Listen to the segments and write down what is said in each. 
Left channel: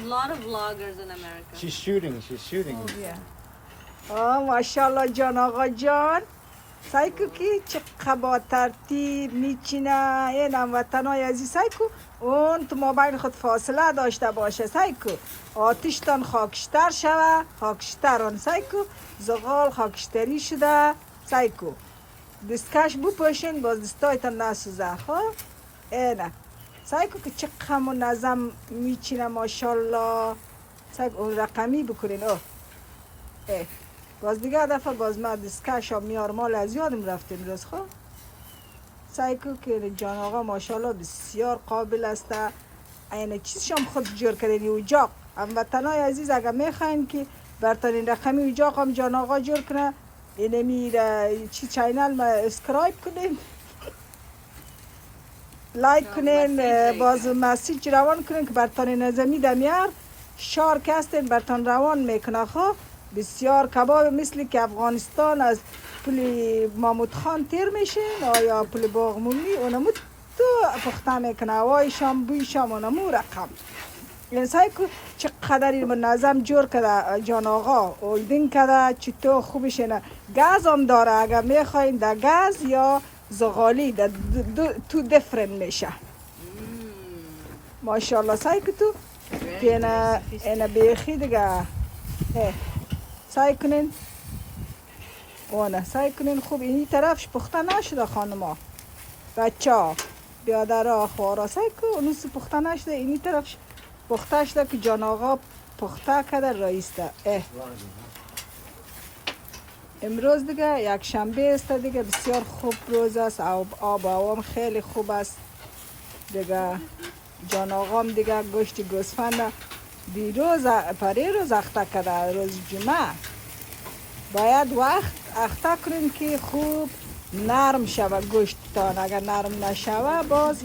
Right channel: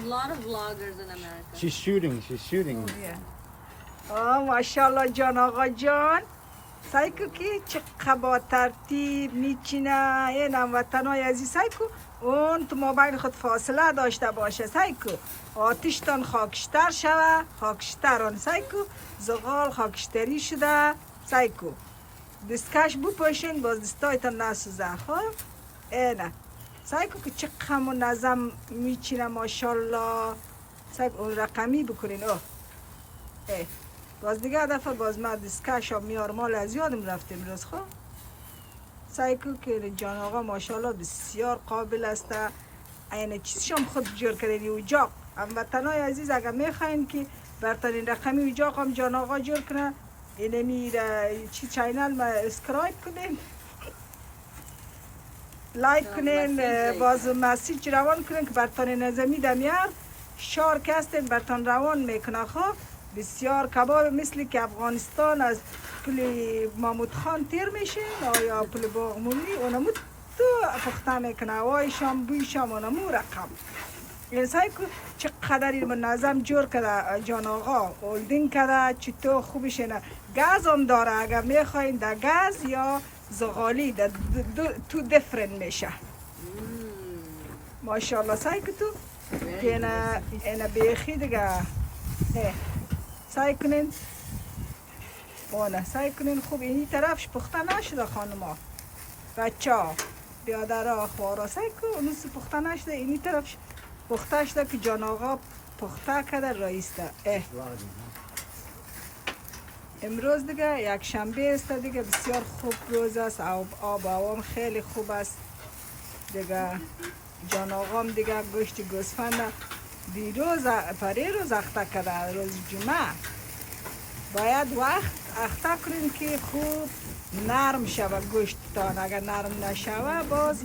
A lot of vloggers in America. She's shooting. She's shooting. ماشاءالله جان آقا جان سایکو کی چقدر با ترتیب میچینه این هموطنای عزیز سایکو اون تو مابین خود فاصله داشته باشه سایکو آتیشتان خاکشتر شوه خاکشتران سایکو زغال خاکشتری شده سایکو دستکش بپوشین باز دستایتان نسوزه خب اینه سایکو که چقدر منظم میچینه ماشاءالله سایکو اون رقمی بکنین اوه اه باز دیگه دفعه باز ما دستکش ها میار مال از یادم رفتیم روز خب سایکو که جان آقا ماشاءالله بسیار قابل است این چیزشم خود جور کردین اجاق هموطنای عزیز اگر میخواین که برتان این رقمی اجاق هم جان آقا جور کنه اینه میره چی چینل ما اسکرایب کنین لایک کنین باز مسیج روان کنین که برتان نظمی دمیار شارک هستین برتان روان میکنه خب بسیار کباب مثل که افغانستان از پل محمود خان تیر میشین یا پل باغمومی اونمو تو پخته میکنه هوای شام بوی شام اونمو رقم این سایکو چقدر این منظم جور کرده جان آقا اولدین کرده چطور خوبش اینه گاز هم داره اگر میخواین در گاز یا زغالی در تو دفرن میشه ماشاءالله سایکو تو که اینه بیخی دیگه سعی کنین اونه سعی کنین خوب اینی طرفش پخته نشده خانما بچه ها بیادر خوارا سعی کن اونوسی پخته نشده اینی طرفش پخته شده که جان آقا پخته کده رئیس ده امروز دیگه یک شنبه است دیگه بسیار خوب روز است آب هوام خیلی خوب است دیگه جان آقام دیگه گوشت گوسفند دیروز پریروز اخته کرده روز جمعه باید وقت اخته کنیم که خوب نرم شوه گوشتتان اگر نرم نشوه باز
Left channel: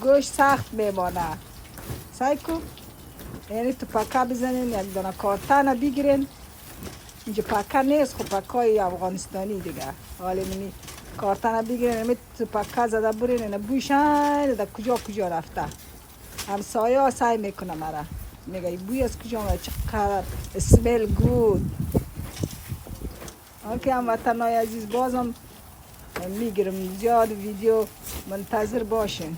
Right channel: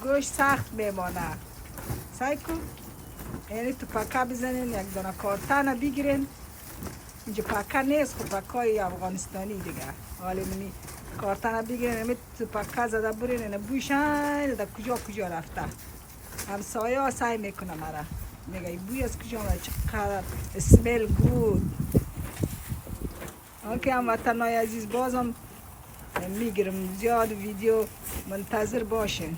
گوشت سخت میمانه سعی کن یعنی تو پکه بزنین یک دانه کارتن بگیرین اینجا پکه نیست خب پکه افغانستانی دیگه حالی نمی کارتن بگیرین نمی تو پکه زده برین اینه بوشن در کجا رفته همسایه ها سعی میکنه مرا میگه بوی از کجا آمده چقدر اسمیل گود آنکه هموطنای عزیز بازم میگیرم زیاد ویدیو منتظر باشین